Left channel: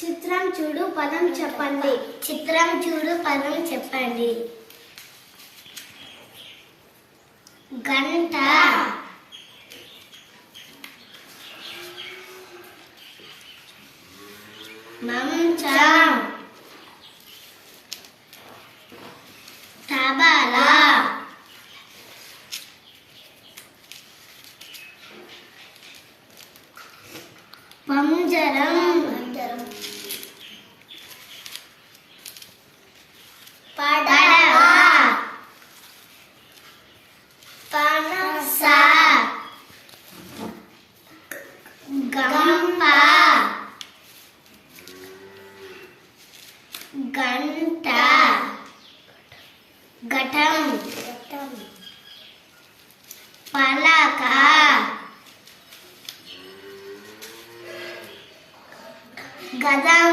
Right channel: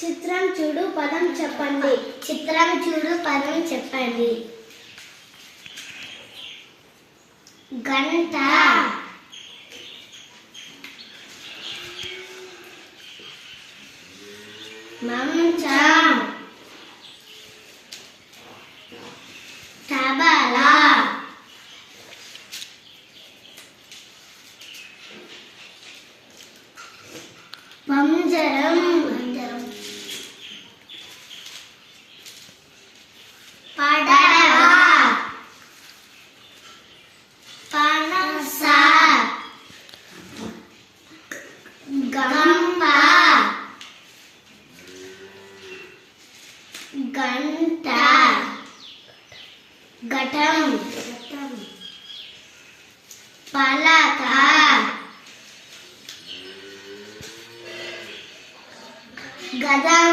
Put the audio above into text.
చిత్రం చూడు పదం చెప్పండి. చిత్రం చూడు పదం చెప్పండి. గంట, మంచం, తబలా, పంజరం, పడవ, పనస, గంప, గంట, ఘటం, పలక, గదం,